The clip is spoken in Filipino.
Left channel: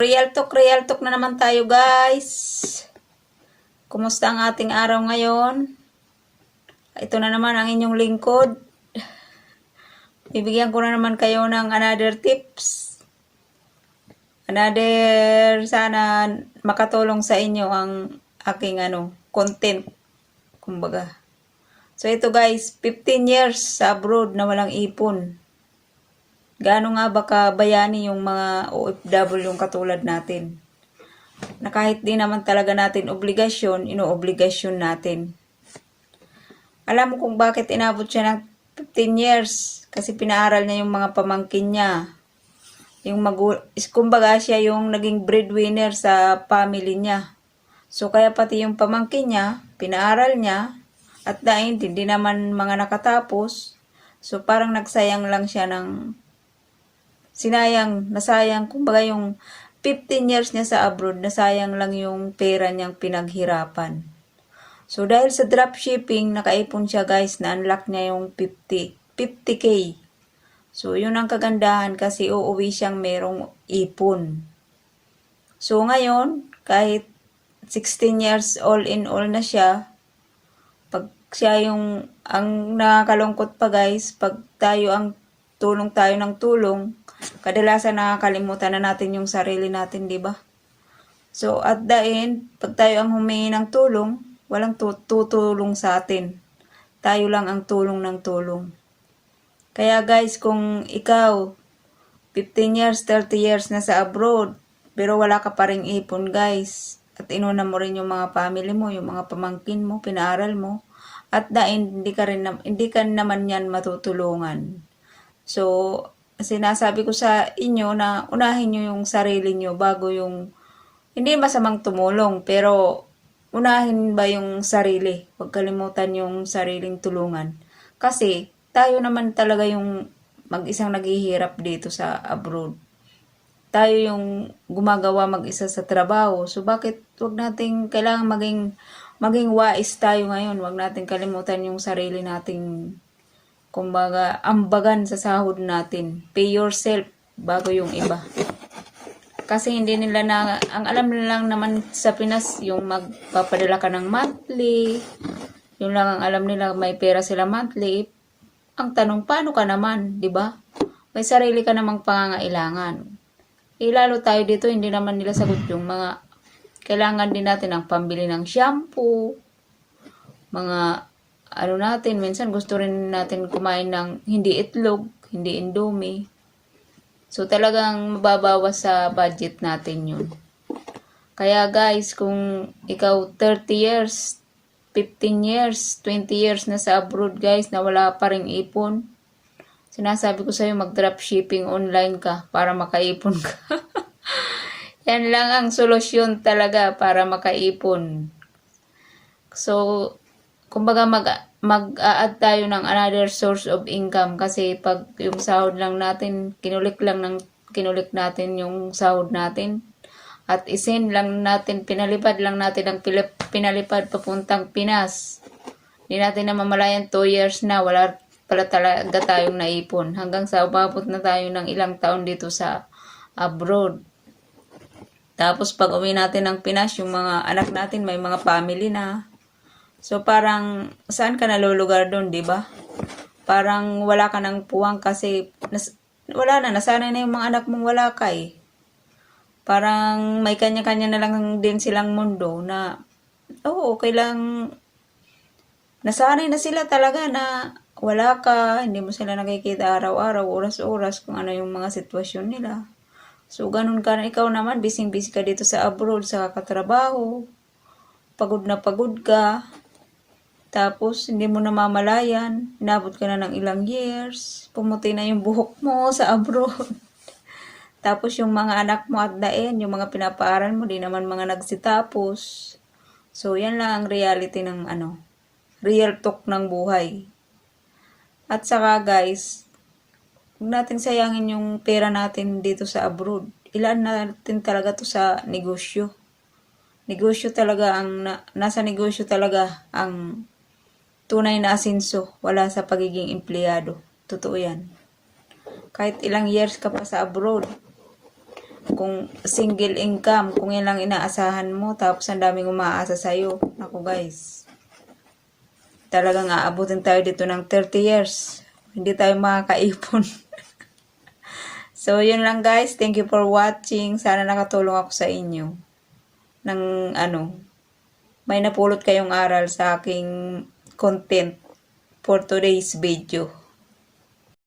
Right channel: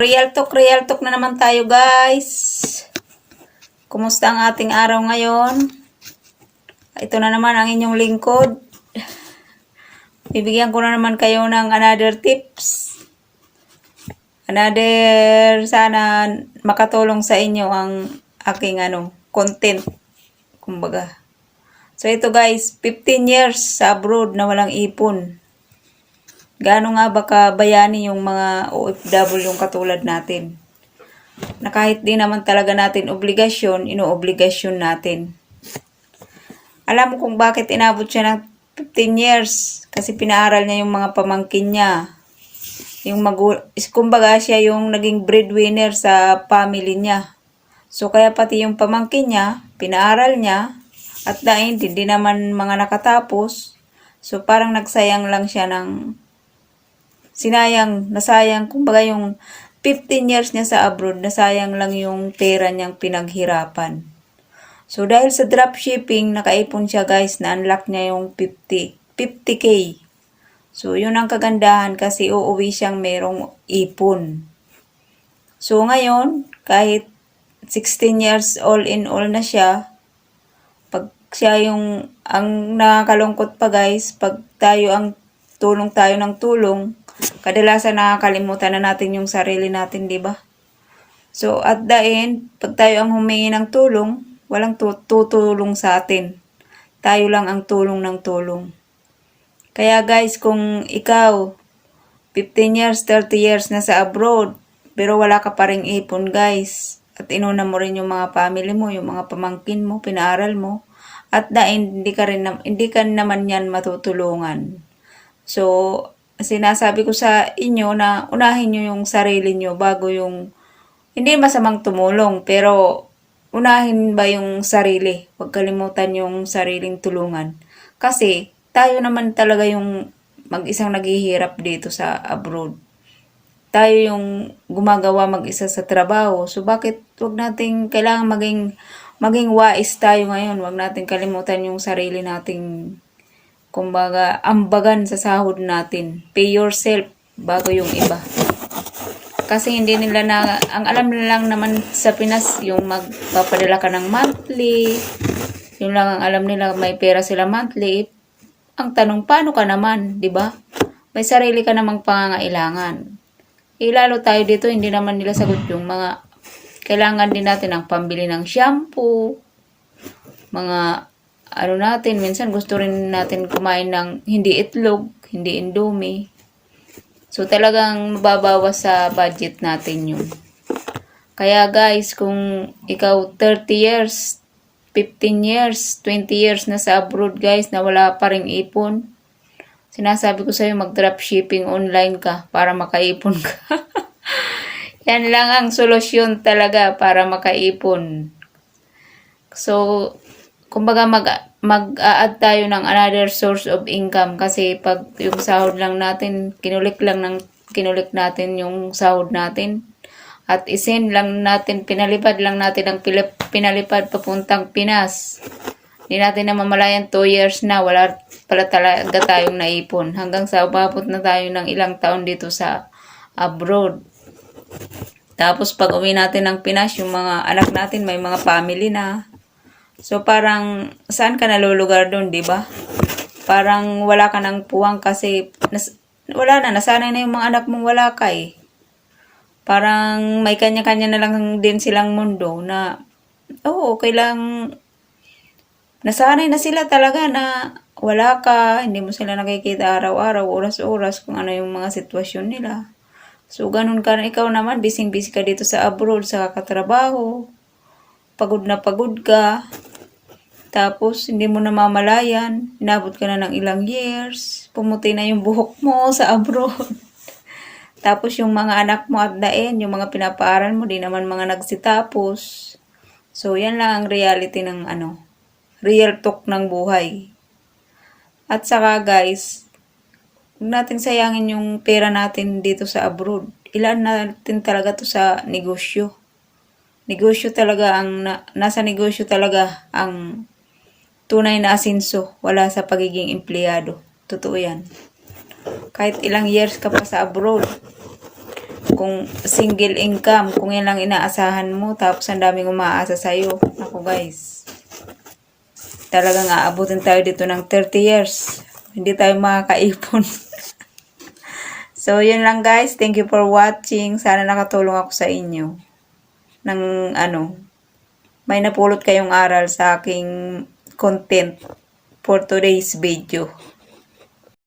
Real talk na naman tayo guys. Kumusta ang ating araw ngayon? Ito na naman ang inyong lingkod. Bibigyan ko na naman kayo ng another tips. Sana makatulong sa inyo ang aking content. Kumbaga. So ito guys, 15 years sa abroad na walang ipon. Gaano nga ba kabayani yung mga OFW yung katulad natin? Na kahit di naman talaga natin obligasyon, inoobligasyon natin. Alam mo kung bakit inabot siya ng 15 years? Kasi pinaaral niya yung mga pamangkin niya. Kumbaga siya yung naging breadwinner sa family niya. So kaya pati yung pamangkin niya, pinaaral niya, at dahil hindi naman mga nakatapos. So parang nagsayang lang siya ng nasayang, kumbaga yung 15 years niya sa abroad, nasayang lang yung pera niyang pinaghirapan. So, dahil sa dropshipping, nakaipon siya guys, na-unlock niya yung 50K. So, yun ang kagandahan kasi uuwi siyang merong ipon. So, ngayon, kahit 16 years all in all na siya, pag siya ang nakakalungkot pa guys, pag tulong tayo ng tulong, kadalasan nakakalimutan na natin yung sarili natin, di ba? So, at the end, pag tayo ang humingi ng tulong, walang tutulong sa atin. Tayo lang ang tulong ng tulong. Kaya guys, kung ikaw, 15 years, 30 years na sa abroad, pero wala ka pa ring ipon guys, at inuna mo rin yung mga family mo, yung mga pamangkin mo, pinaaral mo, at the end, hindi ka naman yan matutulungan. So, sinasabi ko sa inyo na unahin nyo yung sarili nyo bago hindi masamang tumulong, pero unahin ba yung sarili? Huwag kalimutan yung sariling tulungan. Kasi tayo naman talaga yung mag-isang naghihirap dito sa abroad. Tayo yung gumagawa mag-isa sa trabaho. So bakit kailangan maging wais tayo ngayon? Huwag natin kalimutan yung sarili nating kumbaga, ambagan sa sahod natin. Pay yourself bago yung iba. Kasi hindi nila ang alam nila lang naman sa Pinas, yung magpapadala ka ng monthly. Yung lang ang alam nila, may pera sila monthly. Ang tanong, paano ka naman, di ba? May sarili ka namang pangangailangan. Lalo tayo dito, hindi naman nila sagot yung mga kailangan din natin ang pambili ng shampoo, mga minsan gusto rin natin kumain ng hindi itlog, hindi indomie. So, talagang mababawas sa budget natin yun. Kaya guys, kung ikaw 30 years, 15 years, 20 years na sa abroad guys, na wala pa ring ipon, sinasabi ko sa'yo mag-dropshipping online ka para makaipon ka. Yan lang ang solusyon talaga para makaipon. So, kumbaga mag-a-add tayo ng another source of income kasi pag yung sahod lang natin, kinulik natin yung sahod natin at isend lang natin, pinalipad lang natin ang pinalipad papuntang Pinas. Hindi natin na mamalayan 2 years na wala pala talaga tayong naipon hanggang sa umabot na tayo ng ilang taon dito sa abroad. Tapos pag uwi natin ng Pinas, yung mga anak natin may mga family na. So, parang, saan ka nalulugar doon, di ba? Parang wala ka ng puwang kasi, nasanay na yung mga anak mong wala ka eh. Parang may kanya-kanya na lang din silang mundo na, okay lang, nasanay na sila talaga na wala ka, hindi mo sila nakikita araw-araw, oras-oras, kung ano yung mga sitwasyon nila. So, ganun ka na ikaw naman, busy-busy ka dito sa abroad, sa katrabaho, pagod na pagod ka. Tapos, hindi mo namamalayan. Inabot ka na ng ilang years. Pumuti na yung buhok mo sa abroad. Tapos, yung mga anak mo at the end, yung mga pinapaaral mo, di naman mga nagsitapos. So, yan lang ang reality ng real talk ng buhay. At saka guys, huwag natin sayangin yung pera natin dito sa abroad. Ilan natin talaga to sa negosyo. Negosyo talaga nasa negosyo talaga ang tunay na asenso, wala sa pagiging empleyado. Totoo yan. Kahit ilang years ka pa sa abroad, Kung single income, kung yan lang inaasahan mo, tapos ang daming umaasa sa'yo. Ako guys, talagang aabutin tayo dito ng 30 years. Hindi tayo makakaipon. So, yun lang guys. Thank you for watching. Sana nakatulong ako sa inyo. Ng may napulot kayong aral sa aking content for today's video.